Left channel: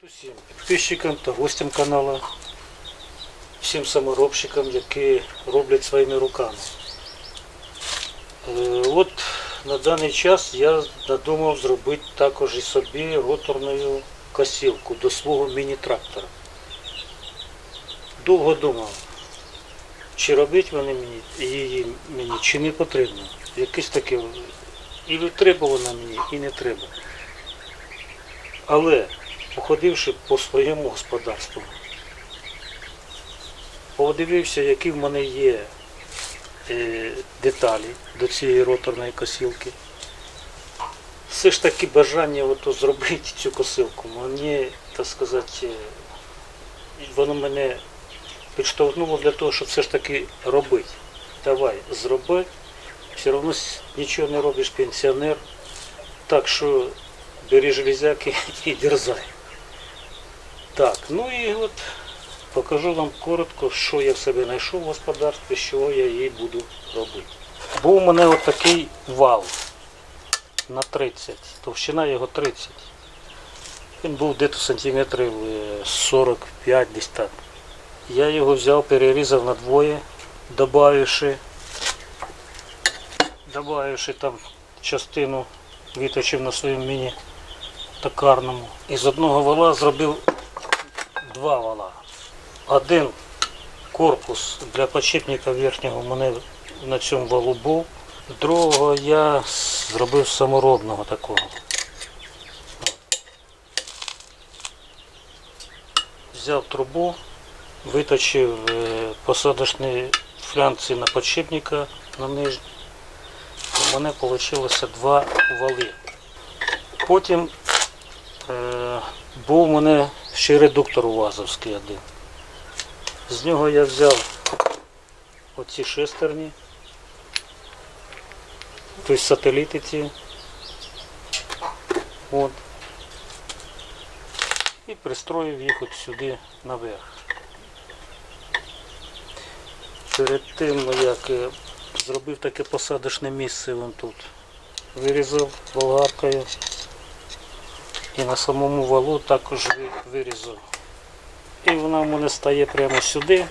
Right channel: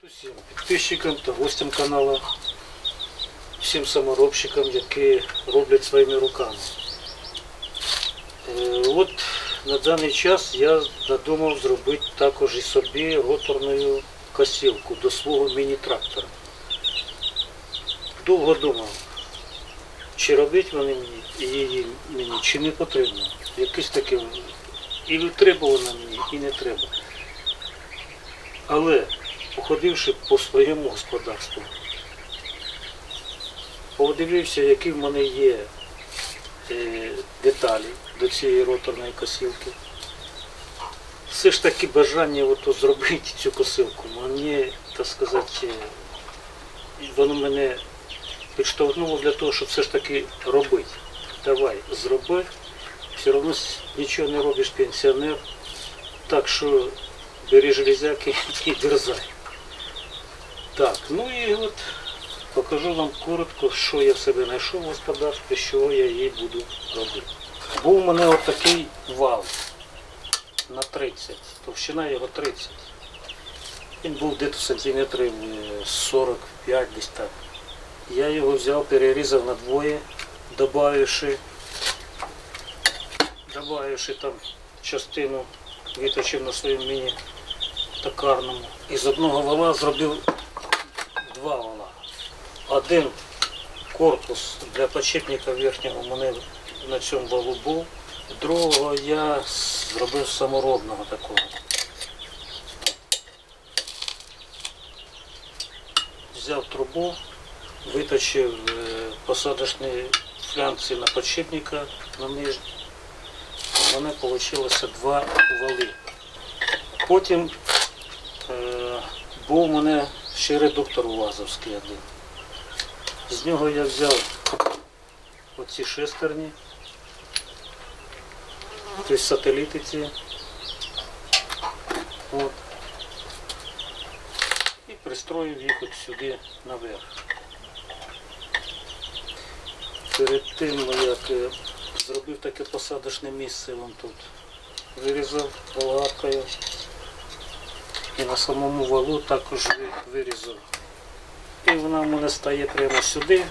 Привіт усім підписчикам та гостям каналу, всім саморобщикам, які роблять своїми руками. Е, От на даний час я надумав зробити також і собі роторну косілку до свого міні-трактора. Довго думав, чи робити вони мені, її мені, чи не потрібно. Якесь таке і треба вона мені, і не треба. Але походивши по своєму господарству, подивився, які в мене є е, деталі до цієї роторної косілки. Все ж таки бажання ото зробити цю косилку, мені, так сказати, воно мене підштовхнуло для того, щоб все ж таки робити. Давай, зроби, все одно нічого не робиш пенсіонер, так що бери железяки і дерзай. Так, ну і от покажу вам коротко, що я в себе знайшов в господарстві, що я її буду робити. Був у мене от такий вал на 30, товщина його 30. Він був десь сантиметрів е, 45 десь так. Я його взяв, перерізав на двоє, добавивши, добавивши там частину, виточив на своєму міні токарному. І з одного вала зробив два вала. Один корпус для подшипника верхнього мене на цьому валу був. Другого я зробив саморобного такого. Взяв трубу, виточив е, посадочні флянці на подшипника на нижній. У мене вийшло два вали. Потім е, був у мене ще редуктор УАЗовський один. З нього я взяв оці шестерні, тобто сателіти ці. От. І пристроїв їх от сюди наверх. Перед тим, як е, зробив таке посадочне місце вон тут, вирізав болгаркою. І на самому валу також ви- вирізав. І вона в мене стає прямо сюди,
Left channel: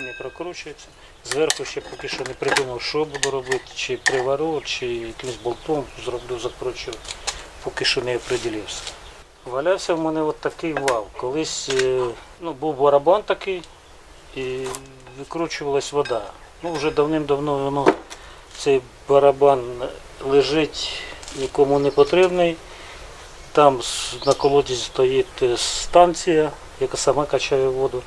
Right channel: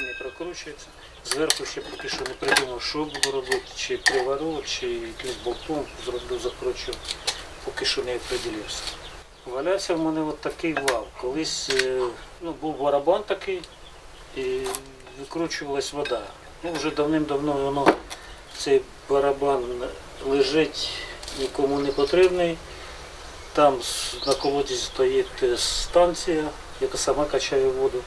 не прокручується. Зверху ще поки що не придумав, що буду робити, чи привару, чи якимось болтом зроблю, закручу. Поки що не определився. Валявся в мене от такий вал. Колись е, ну, був барабан такий і викручувалась вода. Ну, вже давним-давно воно, цей барабан лежить, нікому не потрібний. Там на колоді стоїть е, станція, яка сама качає воду.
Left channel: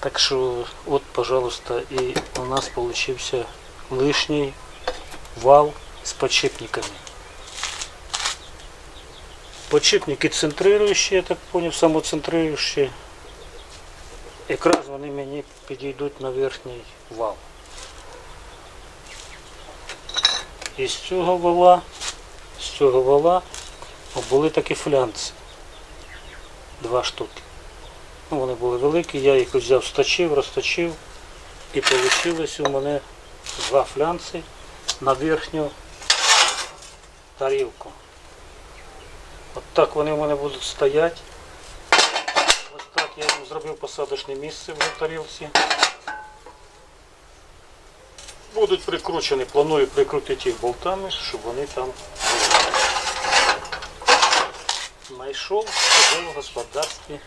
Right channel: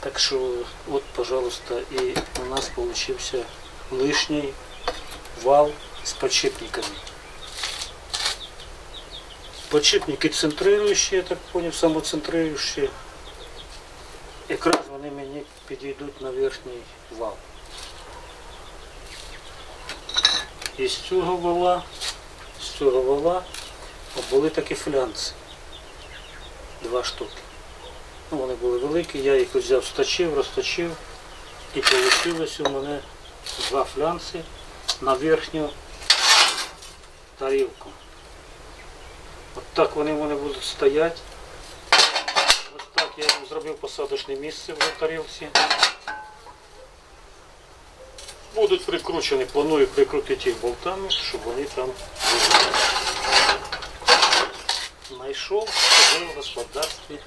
Так що, от, пожалуйста, і у нас получився лишній вал з подшипниками. Подшипники центрируючі, я так поняв, самоцентрируючі. Якраз вони мені підійдуть на верхній вал. І з цього вала, з цього вала були такі флянці. Два штуки. Ну, вони були великі, я їх взяв, сточив, розточив і вийшло у мене два флянці на верхню тарілку. От так вони в мене будуть стояти. Ось так я зробив посадочне місце в тарілці. Будуть прикручені, планую прикрутити їх болтами, щоб вони там були. Знайшов в господарстві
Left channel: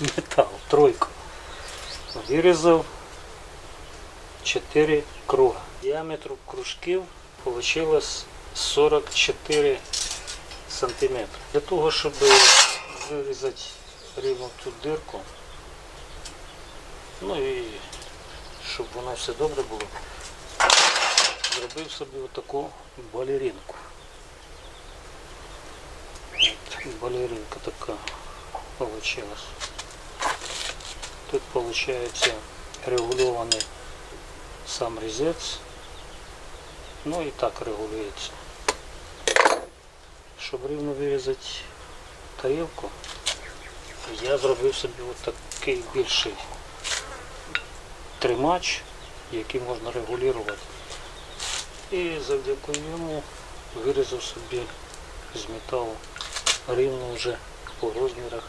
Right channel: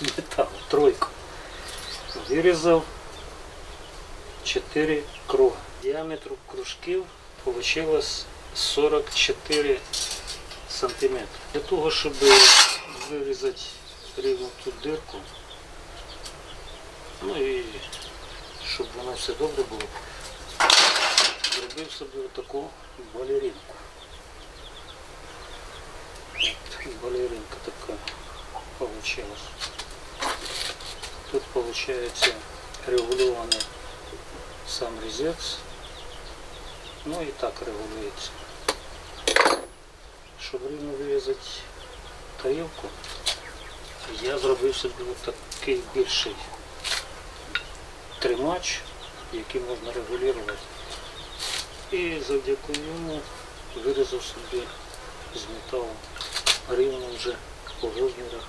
метал, тройку. Вирізав 4 круга. Діаметр кружків вийшло 44 сантиметри. Для того, щоб вирізати рівно ту дирку, ну і щоб воно все добре було, зробив собі отаку балеринку. Балеринка така получилась. Тут получается регулированный сам резец. Ну і так регулюється. Щоб рівно вирізати тарілку, я зробив собі такий більший тримач, який можна регулювати. І завдяки йому вирізав собі з металу рівно вже по розмірах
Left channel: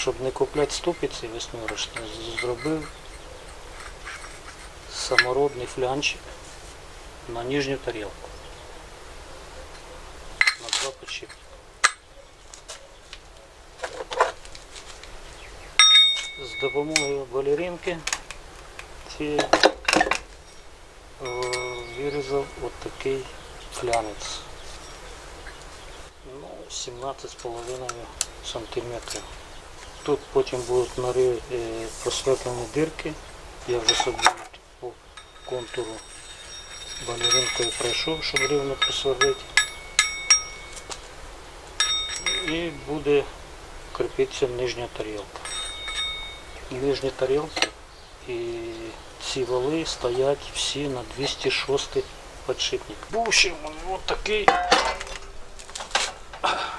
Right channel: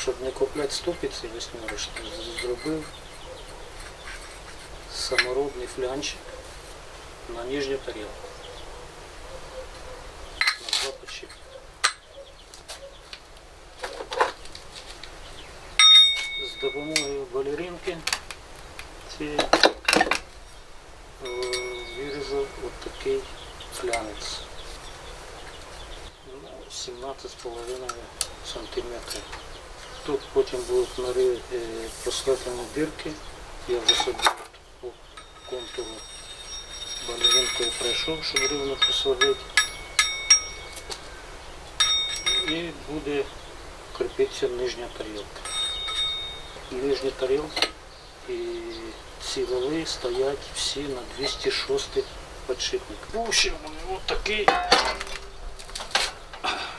щоб не купляти ступиці восьмерочні, зробив самородний флянчик на нижню тарілку. На два подшипника. З допомогою балеринки цієї е, вирізав от флянець. Ну, 17,5 сантиметрів. Тут потім будуть нари е, просветлені дирки. Я вже собі по контуру балеринкою пройшов, щоб рівно просверлити. І буде кріпитися нижня тарілка. Нижні тарілки і ці вали стоять всі на 206 подшипник. Був ще мене от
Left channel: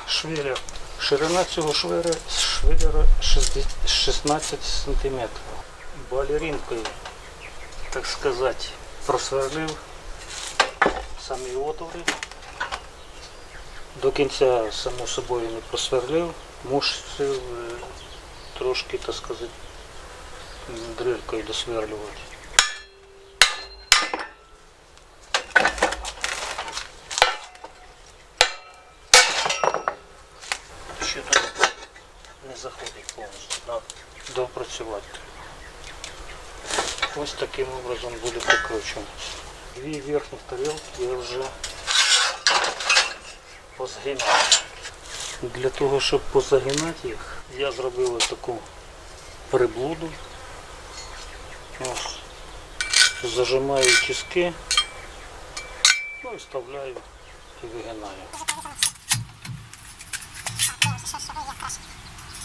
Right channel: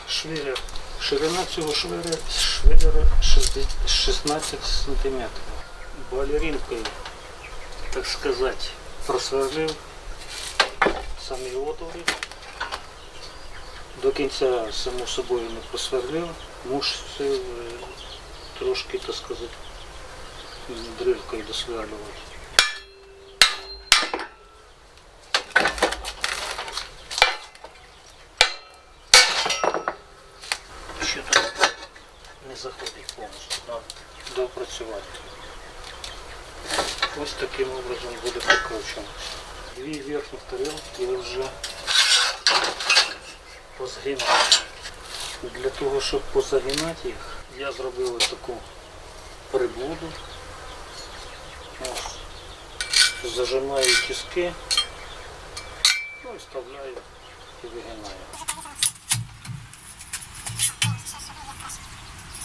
швелер. Ширина цього 60 16 см. Балеринкою, так сказати, просверлив самі отвори. До кінця, само собою, не просверлив, мусив е, трошки, так сказати, м, дрелькою досверлювати. Ще тут не заходить повністю, треба допрацювати. Ось таким образом буде прикручено. Дві верхніх тарілки я вже позгинав. Для того, щоб позагинати їх, я зробив ось таку приблуду. Ось. Зажимаю тиски, ну і вставляю і вигинаю.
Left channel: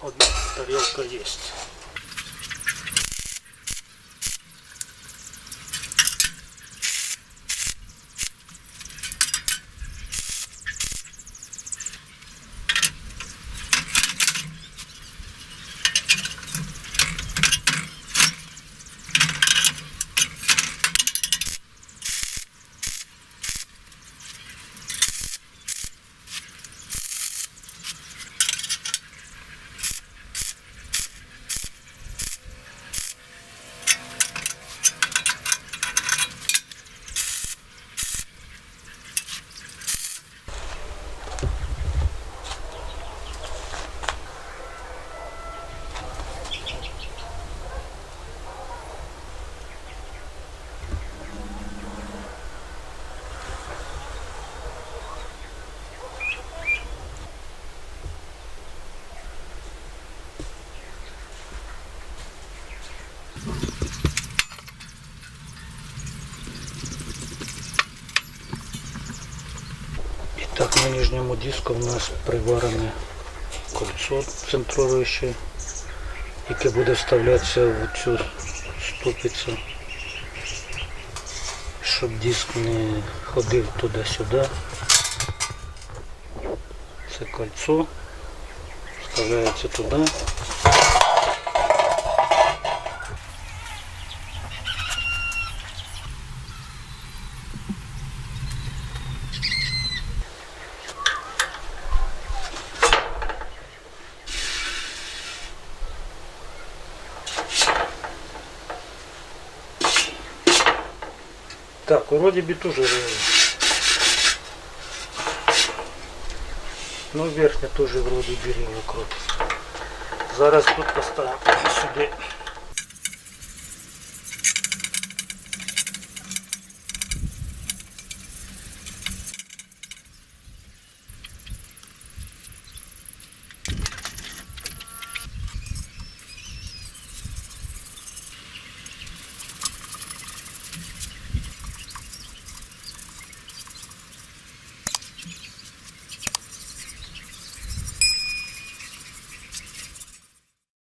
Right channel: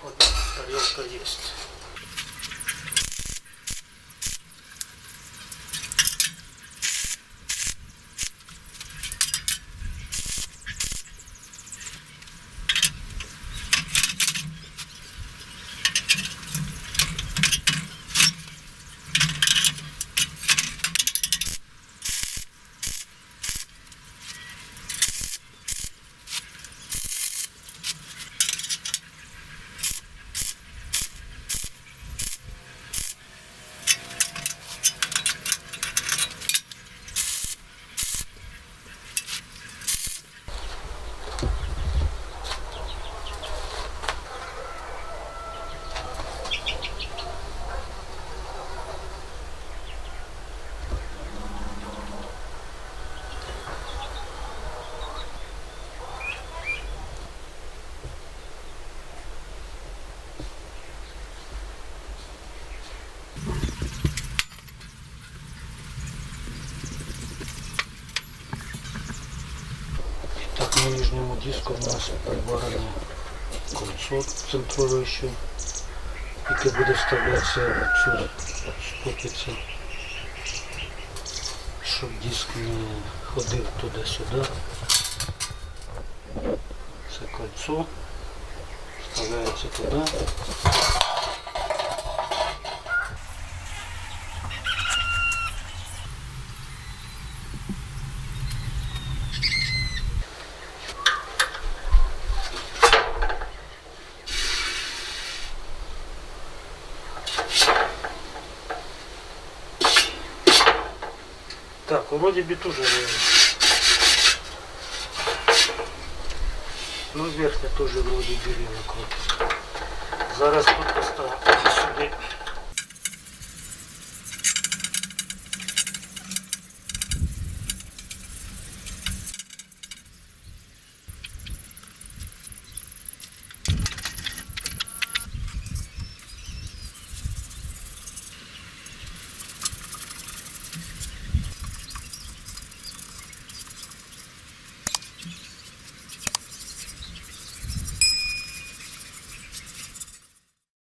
Одна тарелка есть. Так, диску у нас приварене кольцо центруюче, яке буде вставлятися в цю ступицю, щоб диск не ходив туди-сюди. Це кольцо вставляється туди. Так, вроде би тоже рівно. Ну, верхня тоже вроде би рівно крутиться. Зараз тут поставимо сюди